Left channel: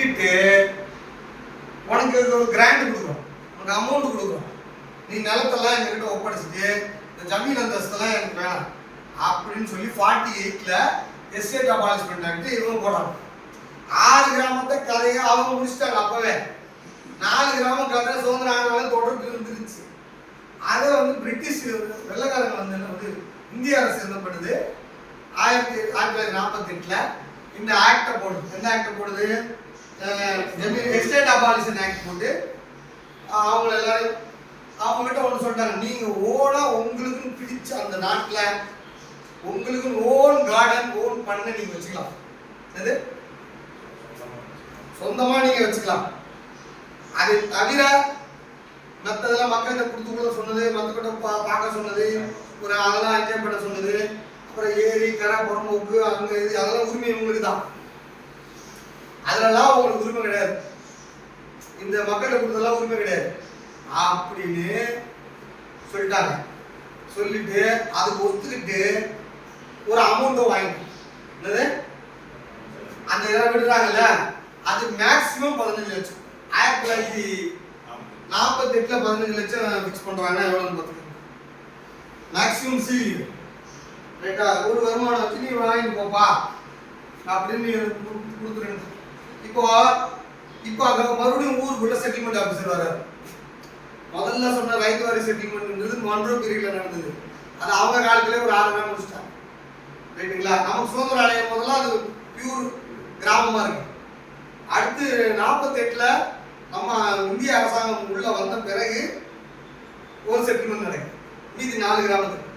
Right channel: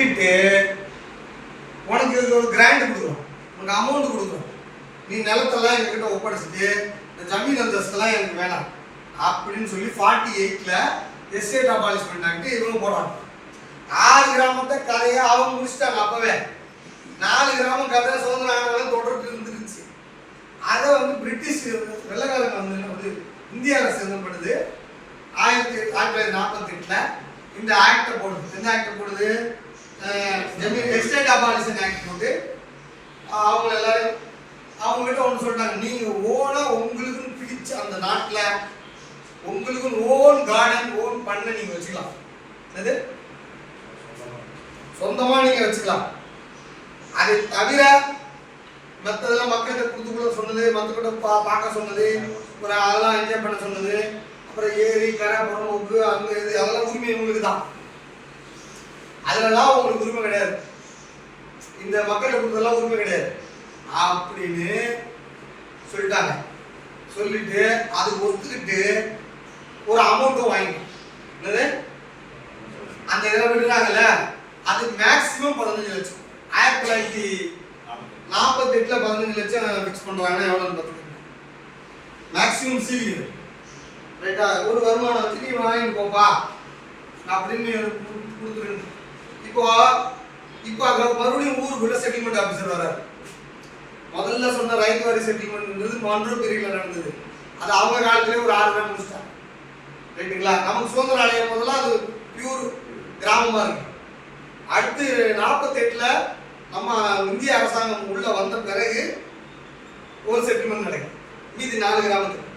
விற்றுட்டு உனக்கு இது ஒரு கிராண்ட் கொடுக்குறோம். உனக்கு அமௌண்ட் கொடுக்குறோம். நீ நிலத்தெல்லாம் எங்ககிட்ட ஒப்படைச்சிட்டு இந்த ஜமீன் அந்தஸ்தெல்லாம் எனக்கு வேணாம். அப்படின்னு சொல்லி ஃபார்ட்டி எயிட்டில் எஸ்டேட் அபாலிஷ்மெண்ட் ஆக்ட் இவங்க போடுறாங்க. ஆறு கிராமத்தை கதையை அவங்க முடிச்சிட்டாங்க அப்போவே. நாலு கிராமம் கதை சுதந்திரம் ஆனாலும் தொடர்ந்து இருந்துருச்சு. அதை வந்து பிரிட்டிஷ் வெள்ளக்காரங்க வந்து என்ன வந்து இந்திய அரசு என்ன பண்ணுது? ஆயிரத்தி ஆயிரத்தி தொள்ளாயிரத்தி நாற்பத்தி இந்த ஆக்டை போடுது. எந்த ஆக்டை போடுது? ஜமீன் எஸ்டேட் அபாலிஷன் ஆக்ட் போட்டு அவங்க எல்லாரும் அவங்ககிட்ட ஒன்று சொல்கிறாங்க நீங்கள் ஓனா உங்களுக்குன்னு பிடிச்ச அந்த நாட்டில் உங்களுக்குன்னு ஓன் கார்டன் ஓன் பண்ண நீங்கள் வச்சுக்கலாம். என்னது? சொந்தமாக நீங்கள் வச்சுக்கலாம். அதை தவிர மற்றதெல்லாம் மக்கள்கிட்ட கொடுத்து கூட சொன்னது மற்றக்கிட்ட பா பார்க்க சொன்னது ஒரு அதெல்லாம் என்ஜாய் பண்ண சொன்னது அப்புறம் ஏரி கரை புறம்போக்கு அங்கே இது அதெல்லாம் உரிமை உங்களுக்கு தான் அதுலலாம் உங்களுக்கு உரிமை கிடையாது. இந்த மக்களுக்கு கொடுத்ததெல்லாம் உரிமை கிடையாது. அப்படின்னு சொல்லிட்டாங்க. சொல்லிட்டு அதுக்கு ஒத்துக்கிட்டு ஒரு அமௌண்ட்டும் வாங்கிட்டோம். என்னது? அந்த இதெல்லாம் விடுறாங்கல்ல அது மேக்ஸிமம் பதினஞ்சு லட்சம். ஆயிரத்தி தொள்ளாயிரத்தி நாற்பத்தி பதினஞ்சு லட்சம் ஃபிக்ஸ் பண்ணுறாங்கன்னா எவ்வளோன்னு பார்த்துக்கோங்க. மேக்ஸிமம் சீரியல் ரைட்டா ஒரு வருமானம் வச்சு நீ வாங்கிட்டு போப்பா. அப்படின்னு நீ கொடுத்துருங்க. இப்போ இப்போ அங்க மறுபடியும் ஊருக்குள்ள செட்டில்மெண்ட் ஆஃபீஸர் வராரு. முதல்ல சொன்ன ரைட் வாரி செட்டில்மெண்ட்ன்றது மன்றோ பீரியட்ல நடந்தது. அது அவங்க காலத்திலே ஒரு ஆறு பேர் முடிச்சிட்டாங்க. ரைட்டுங்களா நமக்கு சுதந்திரம் அடையும் போதெல்லாம் அது பியூர் கிராமமா இருக்கு. அடுத்து நாற்பத்தெட்டுல நம்ம இந்திய அரசாங்கம் உள்ள வந்த பிறகு ஒரு செட்டில்மெண்ட் நடக்கும் மீதி நாலு கிராமத்துக்கு.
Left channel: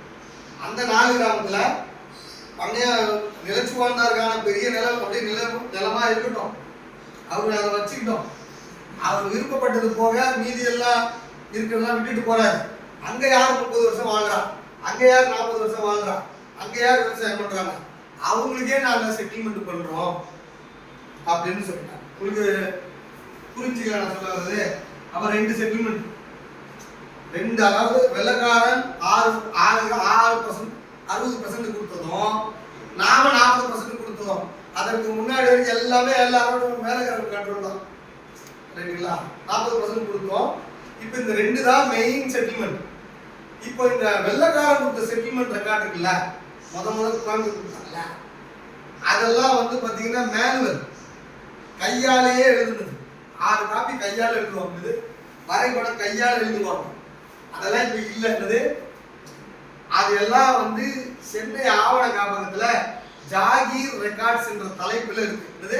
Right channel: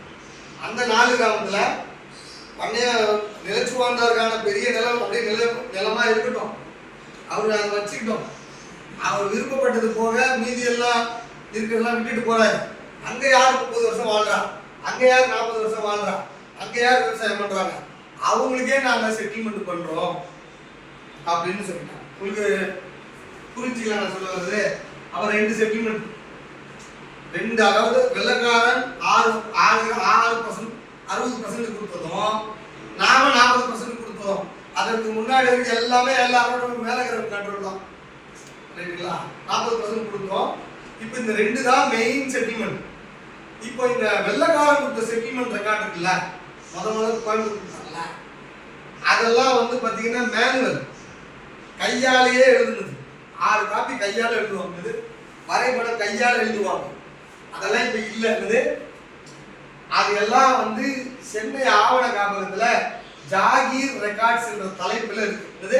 அந்த நாலு கிராமத்துல பண்ணைய நிலச்சுவாண்டாருக்கான பெரிய நிலம் அப்படியே நில நிலமா இருக்கட்டும். அவர் அதை வச்சுக்கிட்டோம். அவர் விருப்பப்பட்டது போக மீதி எல்லாம் இருக்கிறதெல்லாம் விட்டுட்டு போறாரு. அங்கே யார் முப்பது வருஷம் வாழ்றா? அங்கே யார் நாற்பது வருஷம் வாழ்றா? அங்கே யார் விவசாயம் பண்ணுறாங்க அவங்களுக்கே நாங்கள் செட்டில்மெண்ட் பண்ணுறோம் அப்படின்னு சொல்லிட்டாங்க. உங்களுக்கு புரிஞ்சுக்கல நான் சொல்ல வருது அவர் ரெண்டு செட்டில்மெண்ட் ரெண்டு அதாவது வெள்ளக்காரன் ஆறு ஆறு ஆறு பர்சன்ட் அறுபது பர்சன்ட் கொடுத்ததும் நாம நாற்பது பர்சன்ட் கொடுத்தோம் அதற்கு முன்னாடி வரைக்கும் எல்லாமே எல்லாரோட மேல கண்ட்ரோல் தான். ரைட்டுங்களா நாற்பது பர்சன்ட் கொடுத்தோம். இப்போ இந்த ரெண்டு தான் மெயின் செட்டில்மெண்ட் இப்போ இந்த வெள்ளக்காரன் கொடுத்த செட்டில்மெண்ட் ரெக்கார்ட் இருக்குல்ல? முத முதல் கோயம்புத்தூர் கொடுத்தாங்கல்ல அதெல்லாம் வந்து பார்த்தீங்கன்னா மேனுவல் கையாலேயே எழுதுனது. ஆறு காப்பி கையால் எழுதுவாங்க இது. வரைபடம் கையால் எழுதுவாங்க. அதெல்லாம் இப்போ இல்லைன்றது. அது எல்லாம் வந்து சென்னை ஆவண காப்பகத்தில் ஜாகீர் ரெக்கார்ட்ஸ் என்ற தலைப்பில் இருக்கு என்னது